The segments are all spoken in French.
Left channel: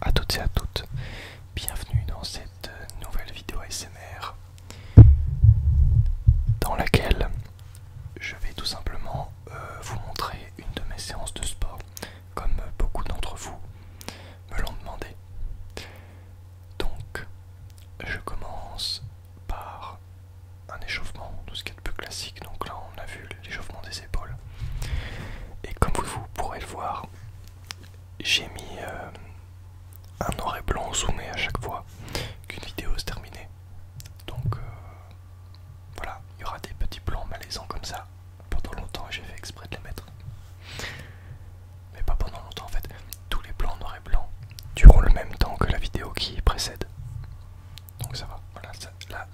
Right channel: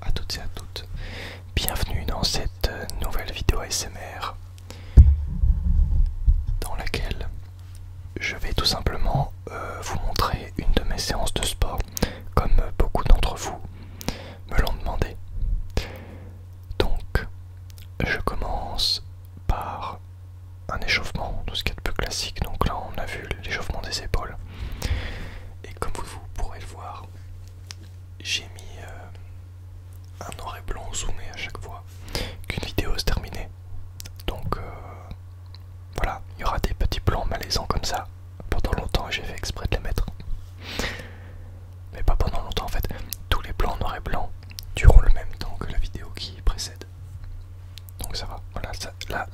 à toutes et à toutes, bienvenue dans cette nouvelle vidéo ASMR dans laquelle je vais tout simplement vous montrer une de mes séances de sport comme beaucoup d'entre vous me l'ont demandé. Donc je commence par un échauffement, tout ce qui est de plus classique. Donc là on a vu l'échauffement des épaules et comme vous pourrez le voir, j'ai mis un noir et blanc zoomé à chaque fois qu'une vidéo se terminait. Donc voilà, il y aura des petits plans malaisants comme ça pendant longtemps et j'ai fait exprès de les mettre. Mais pas pendant longtemps en fait. Tous les plans noir et blanc durent le même temps que la vidéo qui précède. Donc ça va. Voilà,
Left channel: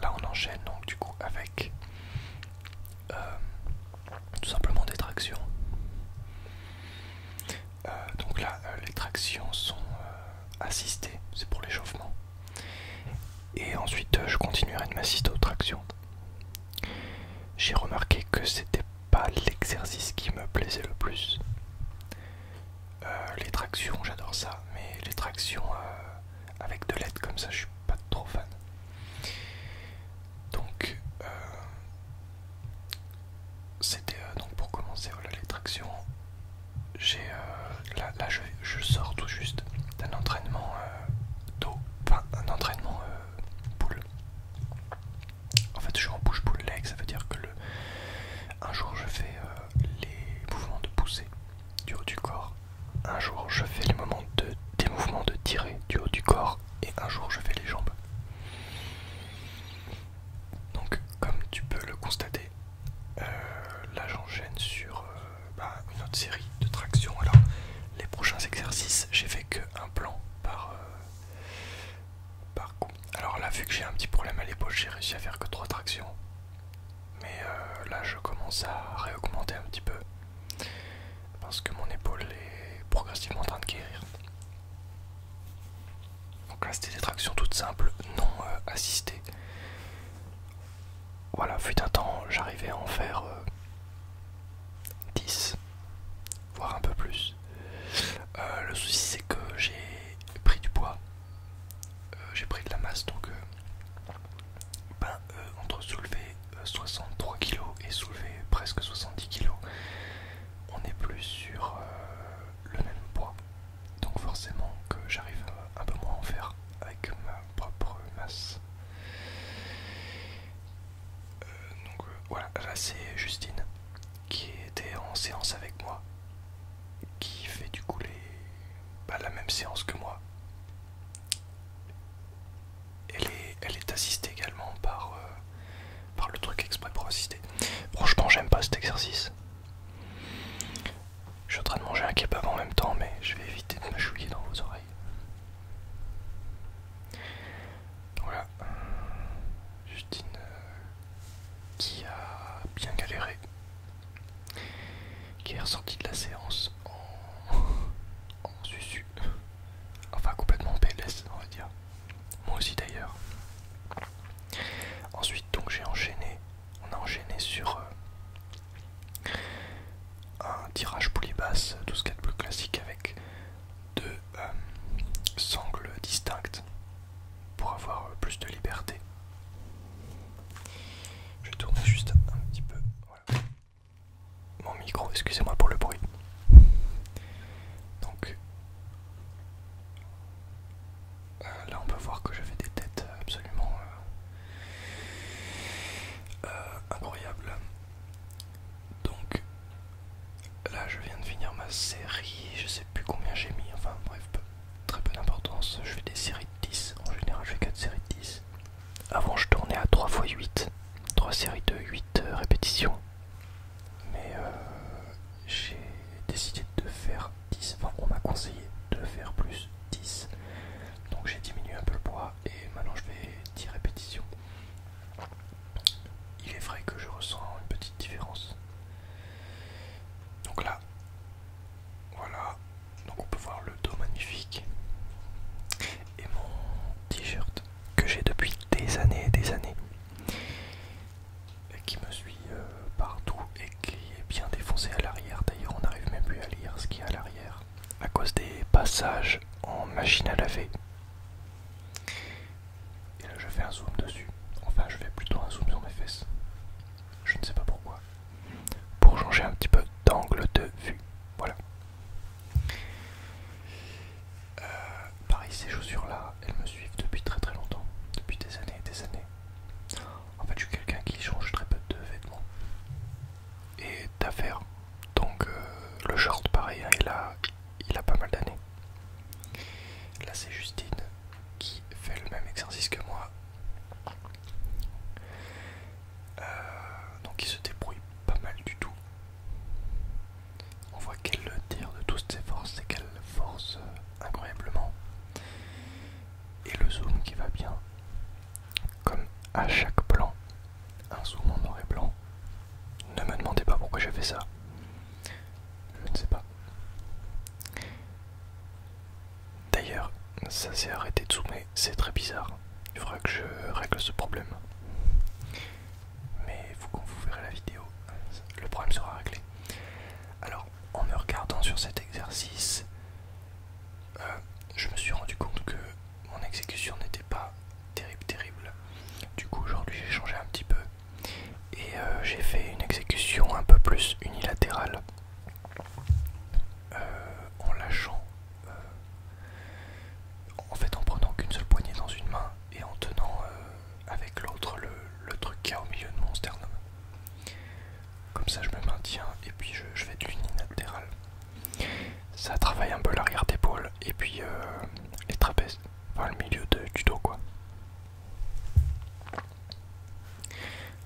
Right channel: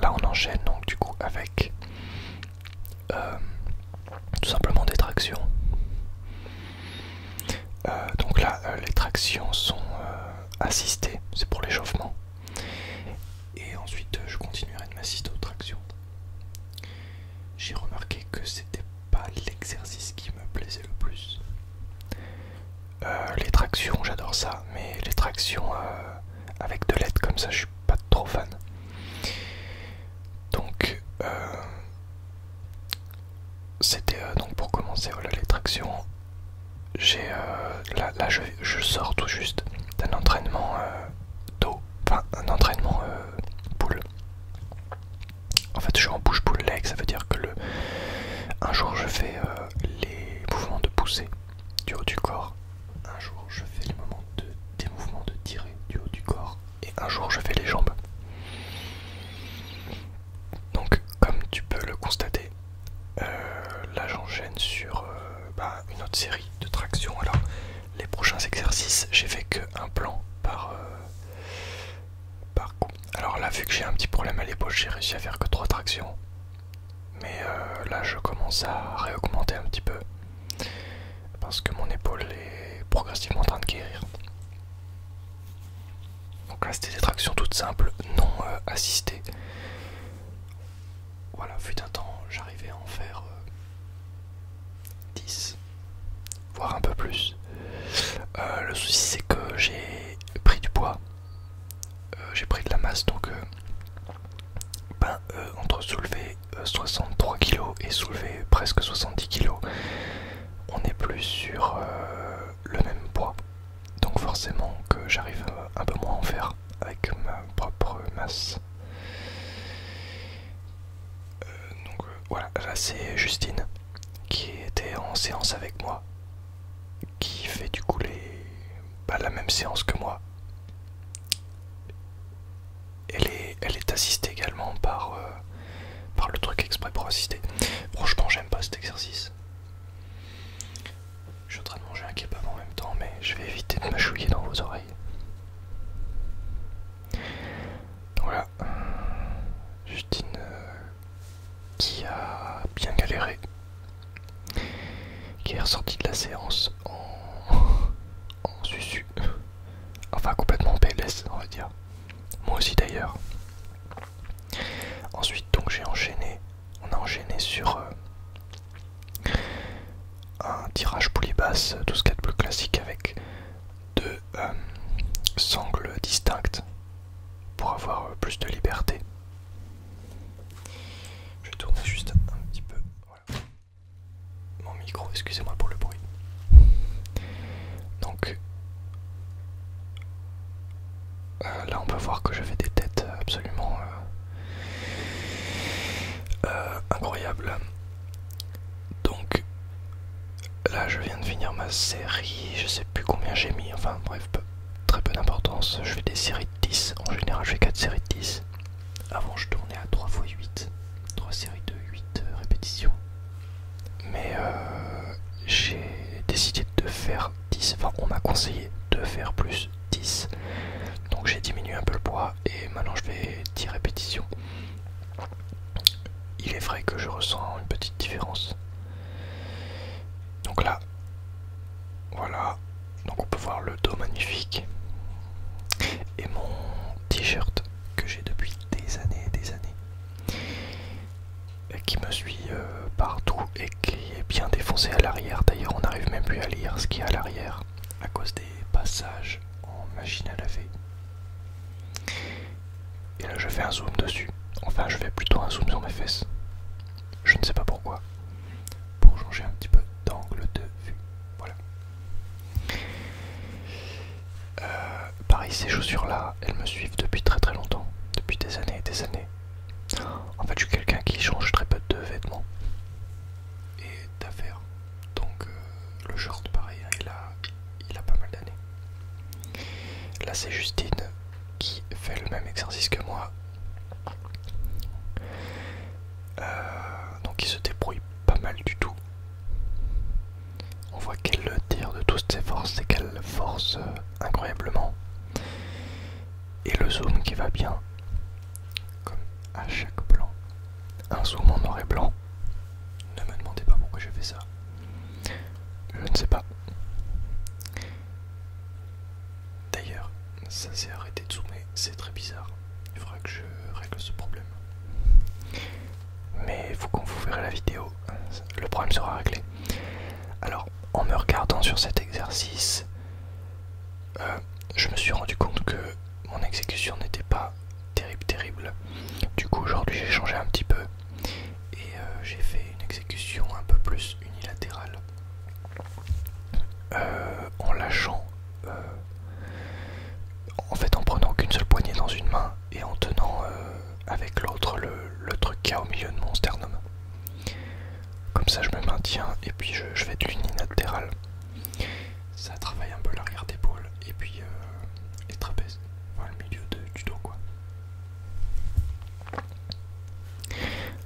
là on enchaîne donc du coup avec tout simplement des tractions. Donc là les tractions sont assistées, c'est pour l'échauffement. Et ensuite je continuerai de m'assister aux tractions. J'ai remarqué que c'était pas l'exercice qui me plaisait le plus. Les tractions, j'adore ça, mais les tractions avec de l'aide comme ça, je suis pas trop fan. Donc c'était donc pour commencer, voilà les tractions. J'ai là je sors tout juste d'un entraînement dos, enfin un entraînement pull. En fait je suis en push-pull leg, ça veut dire que un jour je fais les mouvements de pousser du haut du corps, un jour je fais des mouvements de tirer du haut du corps et un jour je fais les jambes. Donc comme tu peux le constater, là j'enchaîne sur une autre série de tractions. Alors les prochains exercices, j'ai fait que un plan par coup. Alors là vu que j'ai un petit problème à l'épaule, j'ai réussi à faire que 3 tractions. Mais là je commence à réaugmenter un petit peu parce que mon épaule est progressivement en train de guérir. Donc là c'était des tractions toutes simples, non assistées. Voilà, fut un temps j'arrivais à en faire 10, voire un peu plus. Le souci c'est que j'ai pris du poids, j'ai pris de la masse, donc entre soulever 63 kg et soulever presque 70 kg, on n'est plus sur le même poids. Donc forcément que j'arrive un peu moins à en faire avec ma propre masse. Voilà, là c'est Justine qui était en séance avec moi, qui fait du coup la même séance que moi. Elle est assistée également par le truc exprès pour assister. Franchement j'aime pas cet exercice. Je suis en train de manger un kebab en même temps, mais je vais éviter de mâchouiller dans vos oreilles. Voilà, Justine qui a bien galéré, qui est ressortie de la séance en susu, enfin complètement en PLS on va dire, moi aussi d'ailleurs. Ensuite donc on a enchaîné sur un tirage poulie basse, tout ce qu'il y a de plus classique avec deux sangles distinctes pour avoir plus de liberté. Je vais tourner juste un petit peu, voilà, mon micro, excusez-moi pour le bruit. Donc là on peut voir que je fais des têtes absolument incroyables. Donc là je viens de finir ma série, je sais plus combien j'ai mis, enfin bref, très peu d'importance. Je fais des séries de 10, en général je fais 4 séries de 10. Avant je tournais à 3 x 8, 3 séries de 8 répétitions. Mais j'ai décidé de faire 10, enfin on m'a conseillé de faire plus 10. Donc j'ai diminué un peu le poids et maintenant je fais 10 répétitions. Il est vrai que je ressens une petite différence. Donc là, voilà, donc on peut voir le dos magnifique et mon t-shirt que j'ai depuis des années et des années, qui me suit partout et qui est bien défoncé à l'arrière. D'ailleurs on n'arrive même plus à lire ce qu'il y a à l'arrière à cause des passages lavage en machine à laver. Et là je fais un zoom dessus. Enfin je fais plutôt un zoom sur mes fesses. Je ne sais pas pourquoi. Pour changer un petit peu d'angle de vue. Voilà. Pareil, ces chaussures là, elles me suivent depuis très très longtemps. Depuis des années et des années. En fait je suis quelqu'un qui change très peu de vêtements. Et d'affaires. Donc le short pareil, hein, il a pas mal d'années. Là c'est Justine qui fait le même exercice que moi. Donc il se débrouille pas mal du tout. On voit qu'elle le tire de toutes ses forces et qu'elle force incroyablement. Et le zoom qui va bien, comme à chaque plan, un zoom en noir et blanc. Ne me demandez pas pourquoi j'ai fait ça. Je ne sais pas. D'ailleurs, ça s'est arrêté de zoomer, c'est très bizarre. Il faudra que je règle ce problème. Mais il faut qu'on vous verrez la vidéo, le problème sera réglé. Alors, en me regardant sur cet exercice, je me suis rendu compte que mon exécution n'était pas terrible. Du coup, aujourd'hui, j'ai changé un petit peu et j'ai fait une exécution un peu plus unilatérale, en lâchant, en fait, en prenant qu'une seule poignée dans une main et en tenant avec l'autre le truc qu'il y a au milieu de mon sternum. Comme ça je me maintiens et puis je fais de l'unilatéral. Ça travaille un peu l'arrière d'épaule et puis les trapèzes, enfin le milieu du dos quoi.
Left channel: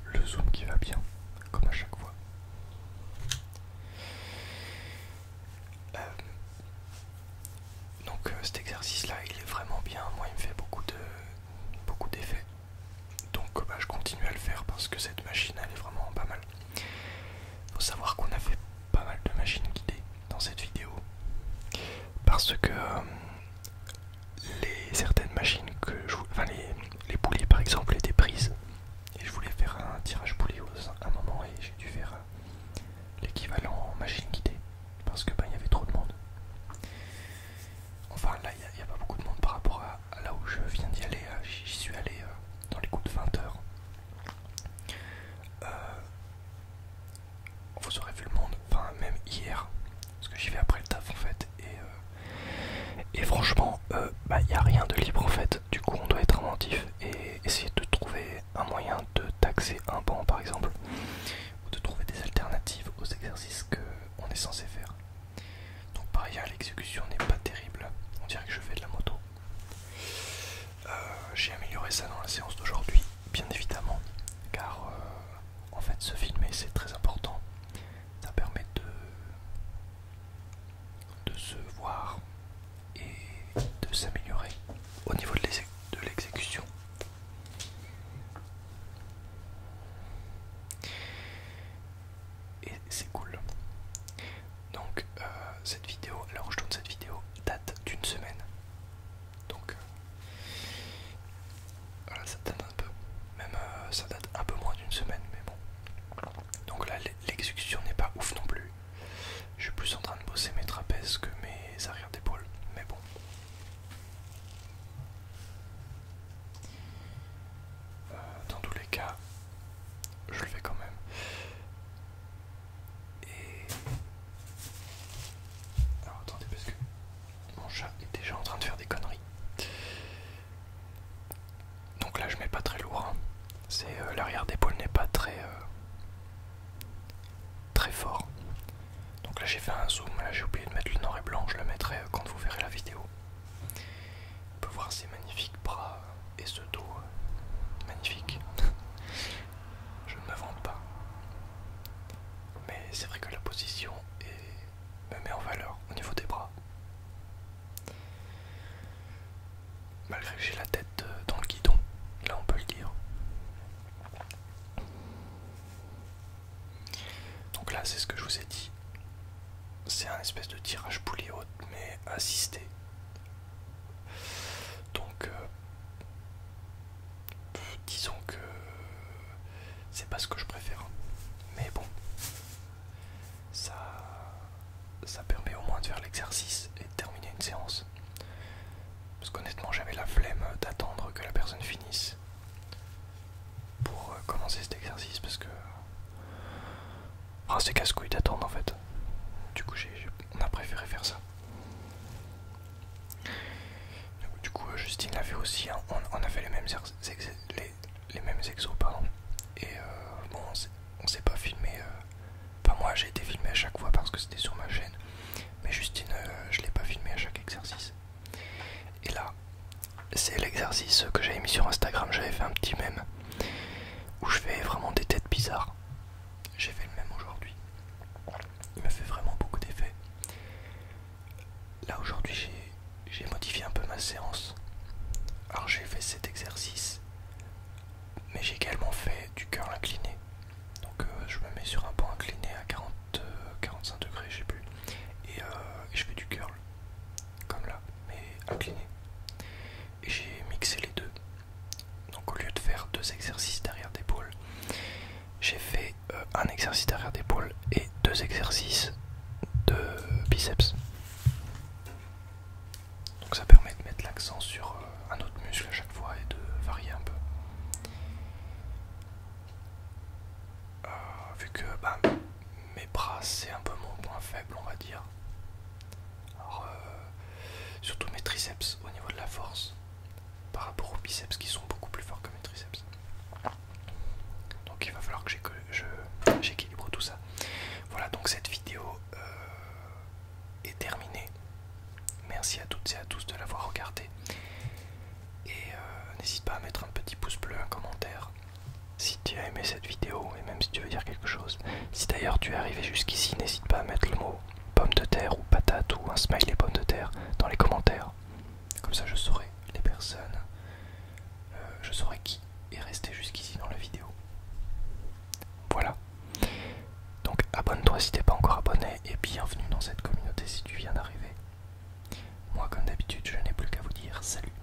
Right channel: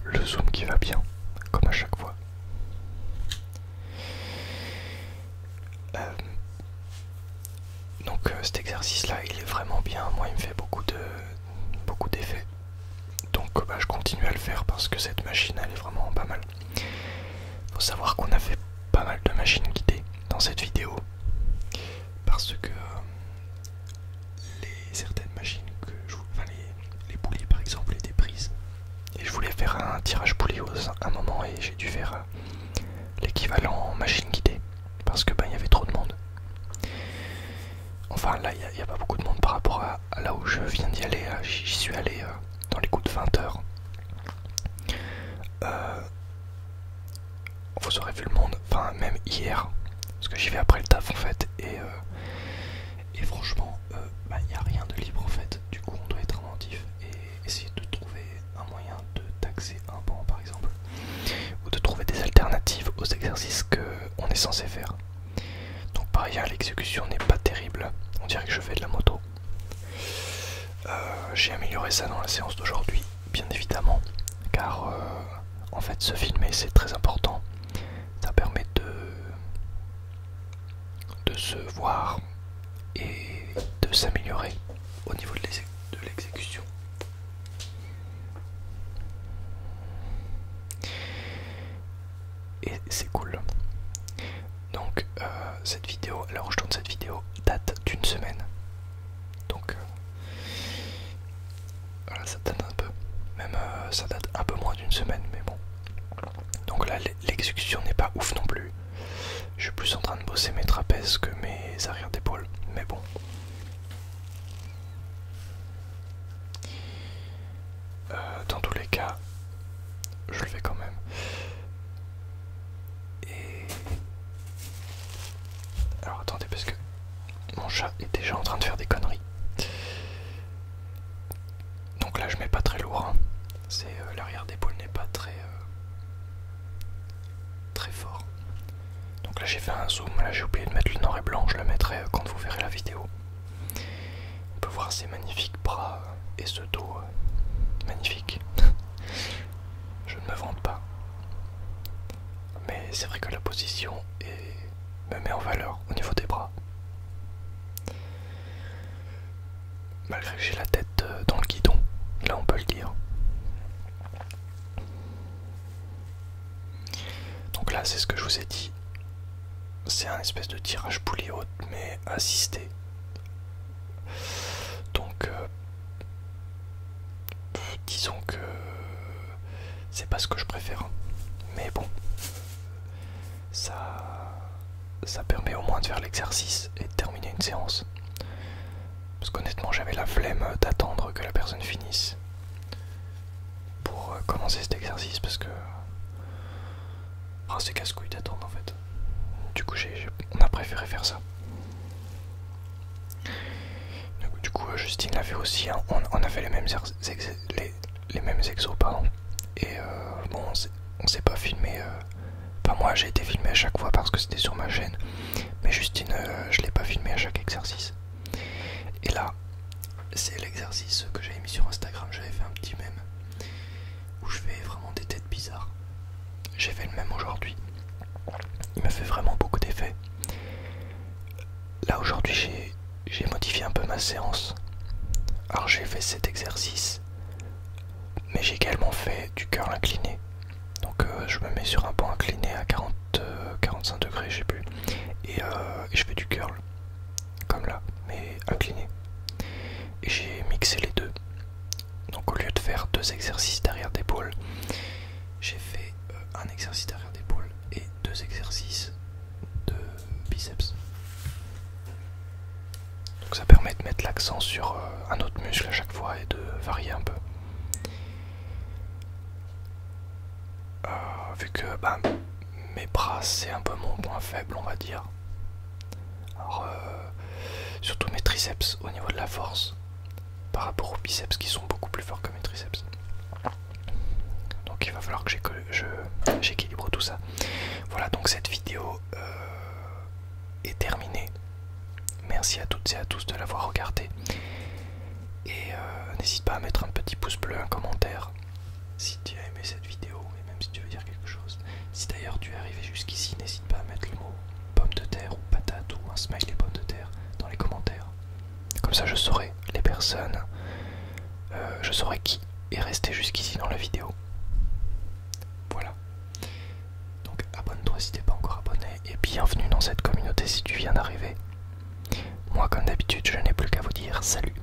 Le zoom qui va bien, comme à chaque fois. Donc cet exercice là il est vraiment bien, moi il me fait beaucoup d'effets. Donc je continue à le faire parce que cette machine elle est vraiment pas mal. Faut savoir qu'on a fait pas mal de machines guidées dans cette vidéo parce que certaines machines que enfin les poulies par exemple et des prises, et je voulais faire un tirage poulie à un moment et j'ai dû faire l'équivalent en machine guidée parce que il y avait trop de monde. Enfin là il n'y a pas beaucoup de monde par rapport à là où je viens d'y aller. J'y suis allé dans les coups de 20 h. Vous aurez vu le monde, enfin même hier, parce que j'y vais après le taf en fait, et franchement, il n'y a rien de libre en fait. Du coup on doit être inventif et essayer de trouver un moyen de taxer un banc par exemple, ou de trouver des alternatives aux exercices qu'on est censé faire. Donc pareil, l'exécution n'est pas terrible, on dirait que je fais de la moto. J'ai amélioré ça dans la séance d'aujourd'hui, bien évidemment, car en fait se filmer c'est très important. Ça permet de se voir et de s'améliorer au niveau de l'exécution. Et c'est cool. Donc cette vidéo, alors je tourne cette vidéo, date d'une semaine. Donc voilà, ça date un peu. Même ça date un peu moins d'une semaine, mais bon. Donc là l'exécution n'est pas ouf non plus. Je suis plus en train de bosser mes trapèzes que mes arrières d'épaule, mais bon. Dans tous les cas, je le fais quand même. Et alors attendez, parce que mon chat est déjà en train de faire des conneries. Donc là je mets pas très lourd, hein. C'est l'arrière d'épaule n'est pas très fort. Donc là j'ai fait un zoom, là j'ai oublié de mettre le noir et blanc, je le mettrai quand vous verrez la vidéo. On peut voir ces magnifiques bras et ce dos magnifique. Je ne me vante pas. Mais c'est vrai que la position me met en valeur au niveau des bras. Malgré que j'ai la tête dans le guidon, là on peut le dire. Donc là c'est ce que je vous ai dit. C'est un espèce de tirage poulie haute mais assisté. Donc disons que c'est pas ce que je préfère. Mais bon, ça permet au moins de faire l'exercice et de terminer une séance. Justine l'a fait aussi, hein. On a fait les mêmes, les mêmes exos, pardon. Et bon, on s'est pas filmé. Enfin, moi j'ai été filmé à chaque fois parce que c'était sur ma chaîne. Mais Justine, je l'ai pas filmé à chaque exercice. Et là, c'est l'exercice que j'avais mis sur Instagram. J'avais fait un petit mème où je fais vraiment des têtes bizarres. J'ai fait le même aujourd'hui. Il me fait vraiment beaucoup d'effets. Là aujourd'hui j'ai modifié un peu ma séance. Alors j'ai fait cet exercice, mais j'ai également fait du curl incliné. Donc je me mets sur un banc incliné à 45 degrés, je sais plus. Et je fais du curl, comme là, mais incliné. Et j'ai mixé les deux. Donc au lieu de faire 2 exercices derrière d'épaule, j'ai fait un exercice derrière d'épaule et 2 exercices de biceps. Donc ça permet de mettre l'accent sur un autre muscle à chaque fois et de varier un peu. Vu que bah, mes bras c'est un peu mon point faible, on va dire. Alors surtout mes triceps au niveau de la force par rapport aux biceps qui sont beaucoup plus forts que mes triceps. Donc il va falloir que j'équilibre tout ça. Voilà, donc cette vidéo est terminée. Merci à toutes et à tous de l'avoir regardé. Et n'hésite pas à mettre un petit pouce bleu, un commentaire si tu as aimé cette vidéo et même si tu veux dire quelque chose. Si d'ailleurs tu es arrivé jusqu'ici, n'hésite pas à mettre le mot pomme de terre ou patate ou un smiley pomme de terre dans les commentaires. Comme ça je saurai les personnes, je saurai qui est resté jusqu'ici dans la vidéo. Voilà. Donc abonne-toi si t'es pas encore abonné et bienvenue dans cette communauté si tu viens d'arriver. Moi comme d'habitude je n'ai plus qu'à vous dire salut.